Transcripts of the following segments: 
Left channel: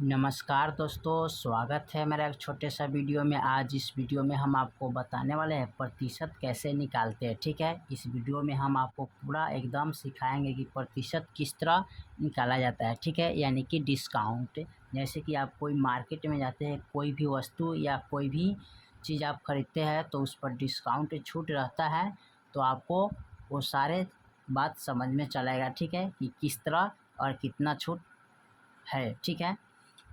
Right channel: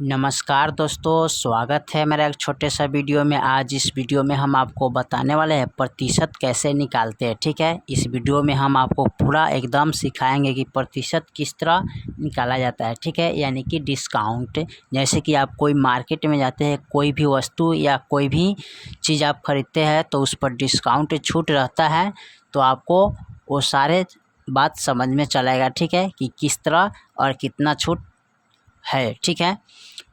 नमस्कार दोस्तों, स्वागत है मेरा एक छोटे सा वीडियो में। आज इस वीडियो में हम आपको बताने वाले हैं प्रतिशत कैसे निकालते हैं। ठीक है, इस वीडियो में हम आपको पूरा एकदम सिखाएंगे कि प्रतिशत किस तरह निकाला जाता है। ठीक है, यानी कि डिस्काउंट। जैसे कि आप कोई मार्केट में जाते हैं, कोई भी वस्तु या कोई भी चीज़ आप खरीदते हैं तो उस पर डिस्काउंट छूट रहता है, तो आपको वो सारे बात समझ में चलेगा। ठीक है, कि किस तरह और कितना छूट है। ठीक है,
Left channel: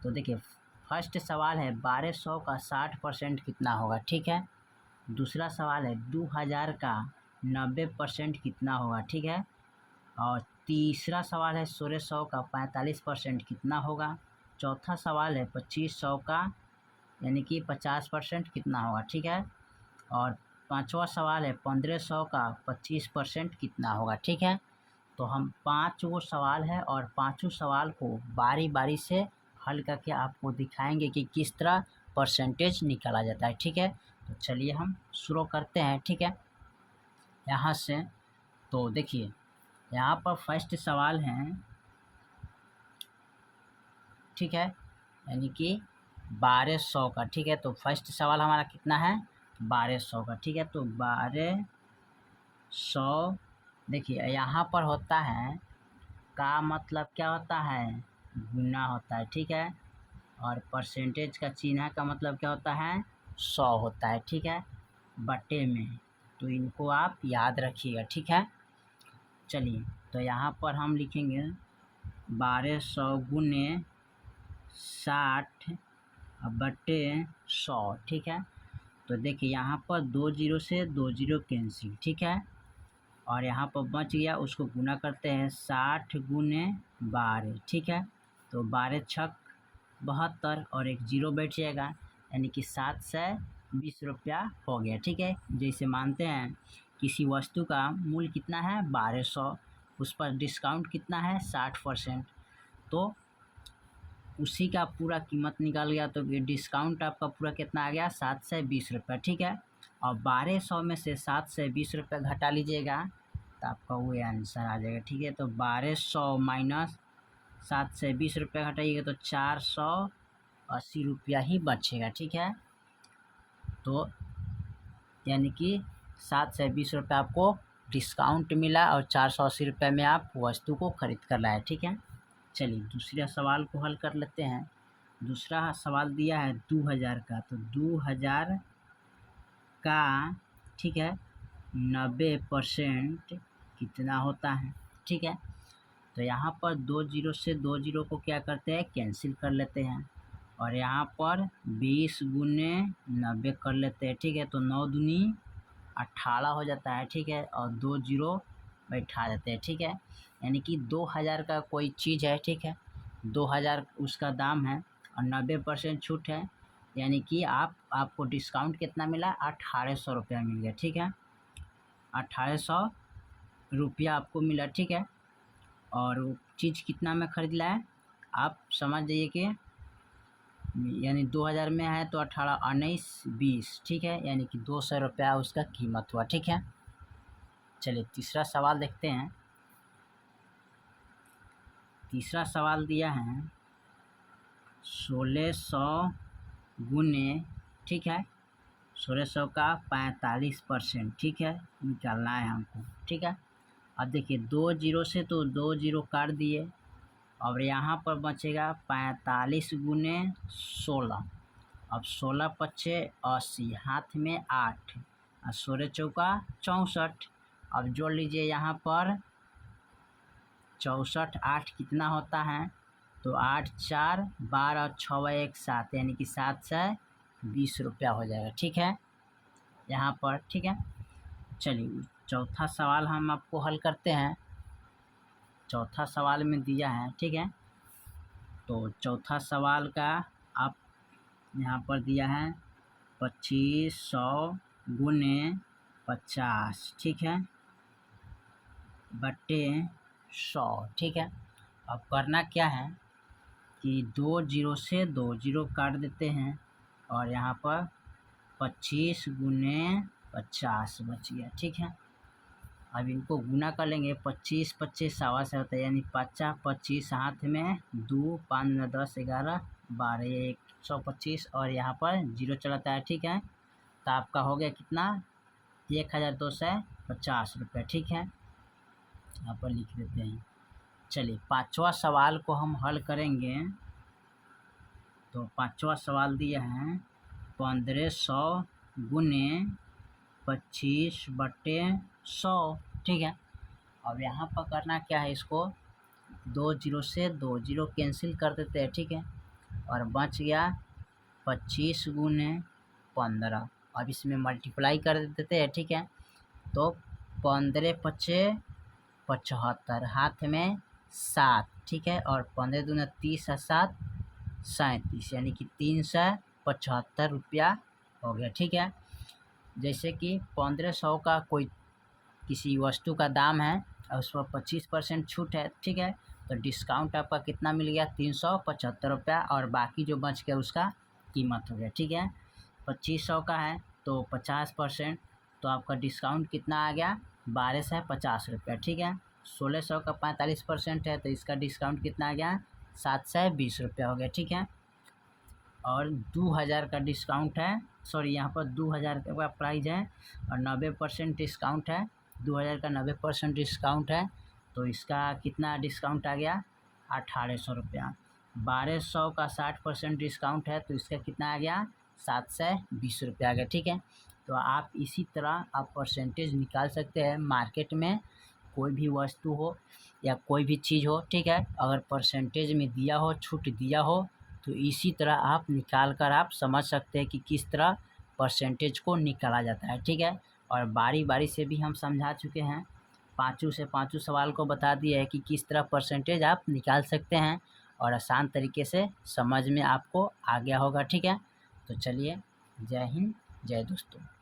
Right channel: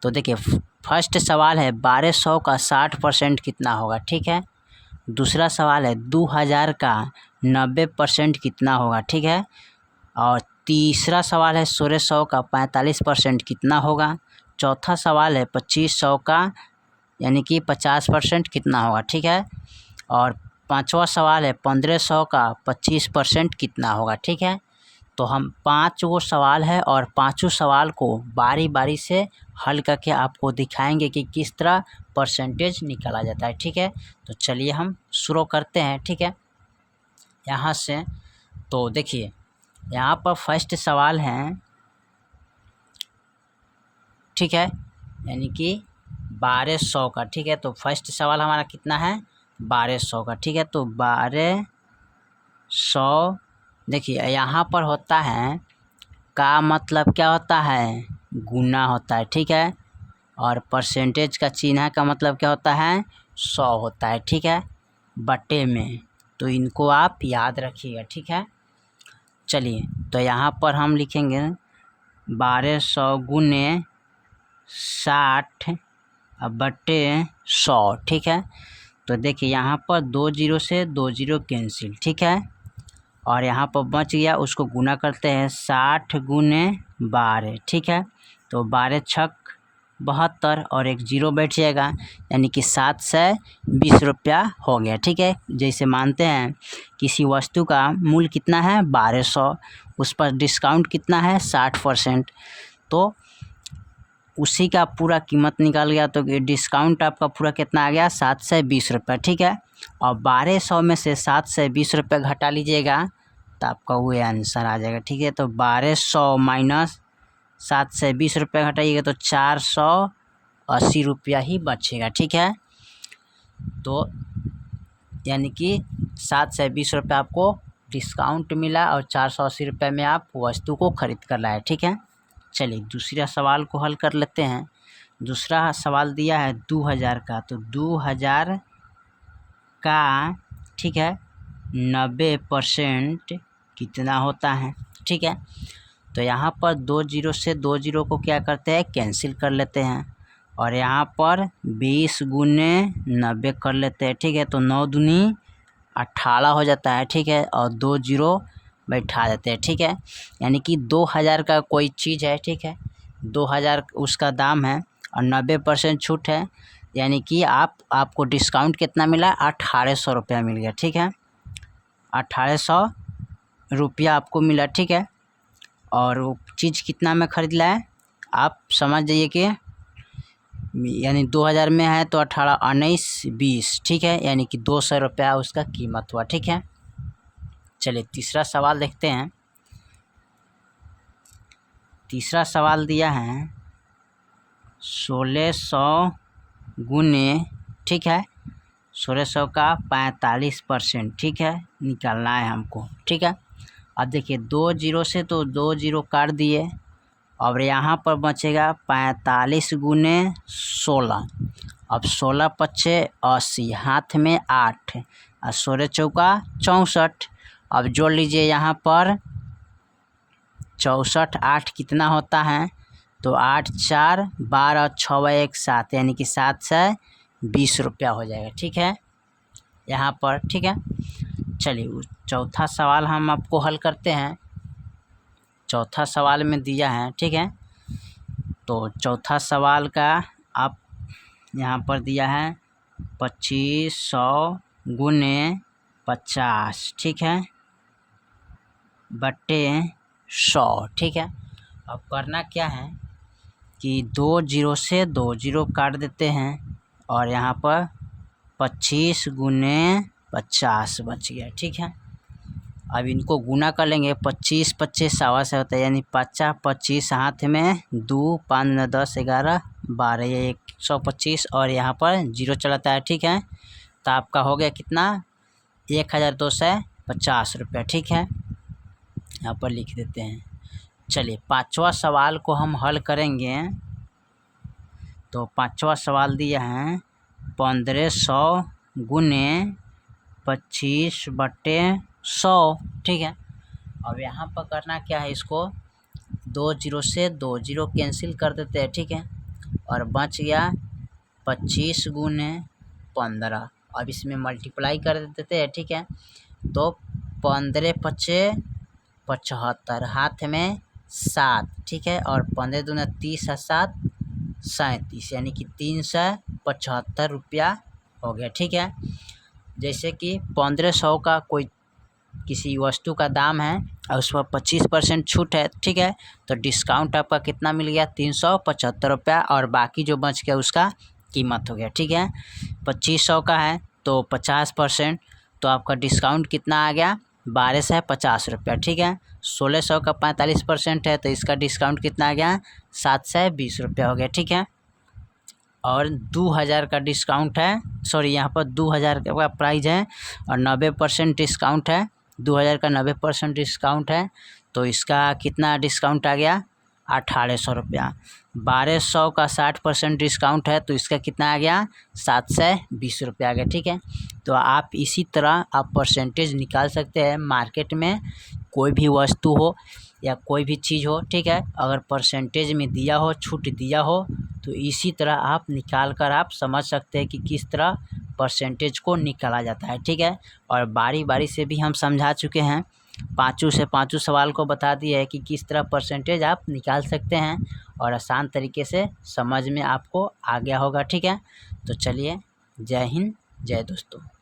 तो देखिए फर्स्ट सवाल है 1200 का 60% कितना होगा। ठीक है, दूसरा सवाल है 2000 का 90% कितना होगा। ठीक है, और तीसरा सवाल है 1600 का 45% कितना होगा। चौथा सवाल है 2500 का यानी कि 50% कितना होगा। ठीक है, और पांचवा सवाल है 1500 का 25% कितना होगा। ठीक है, तो हम 5 गो सवाल है और पांचों सवाल को बारी बारी से हल करके आपको दिखाएंगे कि किस तरह परसेंटेज निकाला जाता है। ठीक है, तो चलिए हम शुरू करते हैं। ठीक है, यहाँ से तो देखिए यहाँ पर फर्स्ट सवाल है, ठीक है, यानी कि 1200 का। ठीक है, तो फर्स्ट सवाल हमारा कितना है 1200 का। ठीक है, तो 1200 देखिए यहाँ पर होता है का मतलब क्या होता है, गुना होता है। ठीक है, और परसेंटेज का चिन्ह का मतलब क्या होता है, 100 होता है। ठीक है, बटे में, तो इनको आप याद रखिएगा। ठीक है, चलिए तो यहाँ पर हम लिखेंगे 1200 गुने 60 बटे 100। ठीक है, तो देखिए यहाँ पर 2 जीरो से 2 जीरो कैंसिल। ठीक है, और यहाँ पर बच गया, उसको गुना करते हैं 60 गुने 12। ठीक है, तो 12 छक 72 और एक जीरो बैठ जाएगा, यानी कि 720 रुपया हो गया। ठीक है, जैसे मानते हैं किसी वस्तु का मूल्य कितना है 1200, उस पर डिस्काउंट कितना है 60%, तो उसी का पूरा कीमत निकाल गया, तो डिस्काउंट आपका पूरा कितना आ गया 720 रुपया। ठीक है, और 1200 में से 720 रुपये घटा लीजिएगा तो आपका वो आंसर आ जाएगा। ठीक है, तो 1200 माइनस 720 रुपये घटाइएगा तो 480 रुपया ही बचेगा। ठीक है, तो यानी कि 720 रुपये आपको डिस्काउंट मिला और 480 रुपये में आप वस्तु को खरीद कर लाए। ठीक है, चलिए दूसरा सवाल को हल कर लेते हैं। दूसरा सवाल दिया है 2000 का, तो 2000 का, ठीक है, 90% कितना होता है। ठीक है, तो यहाँ पर 2 जीरो से 2 जीरो को क्या करते हैं, कैंसिल कर लेते हैं, और यहाँ पर 20 गुने 90 कर लेते हैं। ठीक है, तो 9 दूनी 18 हो जाता है। ठीक है, और 2 जीरो बैठा देते हैं। ठीक है, यानी कि 2000 का कोई चीज़ है। ठीक है, 2000 उसका दाम है और 90% छूट है, यानी कि आपको डिस्काउंट कितना मिला 1800 रुपया मिल गया। ठीक है, 1800 रुपया आपको मिला। ठीक है, और वो चीज़ कितना में ख़रीद लाए, आप समझ जाइए कि यानी 2000 में है तो 18 19 20। ठीक है, यानी कि 200 रुपया उसका कीमत हुआ। ठीक है, चलिए तीसरा सवाल देखते हैं। तीसरा सवाल दिया है 1600 गुने, ठीक है, 1600 का 45%। ठीक है, निकालना है हमको। ठीक है, अब देखिए 2 जीरो से तो 2 जीरो काट दिए, और यहाँ पर बचेगा 45 गुने 16। अब 16 पच्चे 80, हाथ में 8 और 16 चौका 64। अब जोड़ लीजिए यहाँ पर 64 8 कितना होता है, तो 8 4 12 और 6 1 7, यानी कि 720 रुपया हो जाएगा। ठीक है, यहाँ पर। ठीक है, चलिए चौथा सवाल हम आपको हल करते हैं। चौथा सवाल में दिया है, ठीक है, तो चौथा सवाल का आप यहाँ पर दिया है 2500 गुने 50। ठीक है, बटे 100। ठीक है, अब करना क्या है कि 2 जीरो से 2 जीरो काट देते हैं, और यहाँ पर 25 गुने 50 बच गया। ठीक है, अब इनको गुना कर लेंगे, 25 25 सवा से होता है, यानी 50 25 हाथ में 2 5 9 10 11 12, ये 125 और यहाँ पर 0 चलाता है। ठीक है, तो आपका हो गया कितना 1250 रुपया। ठीक है, यहाँ पर लिख देते हैं। चलिए पाँचवा सवाल को हम हल करेंगे। तो पाँचवा सवाल दिया है 1500 गुने 25/100। ठीक है, अब यहाँ पर करना क्या है, इसको 2 0 से 2 0 कैंसिल कर देते हैं। ठीक है, और बच गया 25 गुने 15। अब इसमें मल्टीप्लाई कर देते हैं। ठीक है, तो 15 5 75, हाथ में 7। ठीक है, और 15 दूना 30 और 7 37, यानी कि 375 रुपया हो गया। ठीक है, जैसे कि 1500 का कोई किसी वस्तु का दाम है और उस पर 25% छूट है। ठीक है, तो डिस्काउंट आपका कितना मिल गया 375 रुपया, और बाकी जो बच गया उसका कीमत हो गया। ठीक है, 2500 का है तो 50%, तो आपका डिस्काउंट कितना आ गया 1250 रुपया। ठीक है, 1600 का 45% है तो इसका डिस्काउंट कितना आ गया 720 रुपया हो गया। ठीक है, और 2000 का डिस्काउंट है, सॉरी यहाँ पर 2000 का प्राइस है और 90% डिस्काउंट है। 2000 का 90% डिस्काउंट है तो इसका कितना डिस्काउंट आ गया 1800 रुपया। 1200 का 60% डिस्काउंट है तो इसका कितना आ गया 720 रुपया आ गया। ठीक है, तो आप इसी तरह आप परसेंटेज निकाल सकते हैं। मार्केट में कोई भी वस्तु हो या कोई भी चीज़ हो, ठीक है, अगर परसेंटेज में दिया हो, छूट दिया हो, तो इसी तरह आप निकाल कर आप समझ सकते हैं कि किस तरह परसेंटेज को निकाला जाता है। ठीक है, और बारी बारी से भी हम समझा चुके हैं, पाँचों से पाँचों सवाल को बता दिया है कि किस तरह परसेंटेज आप निकाल सकते हैं और आसान तरीके से समझ में आपको आ गया होगा। ठीक है, तो चलिए, जय हिंद, जय दोस्तों।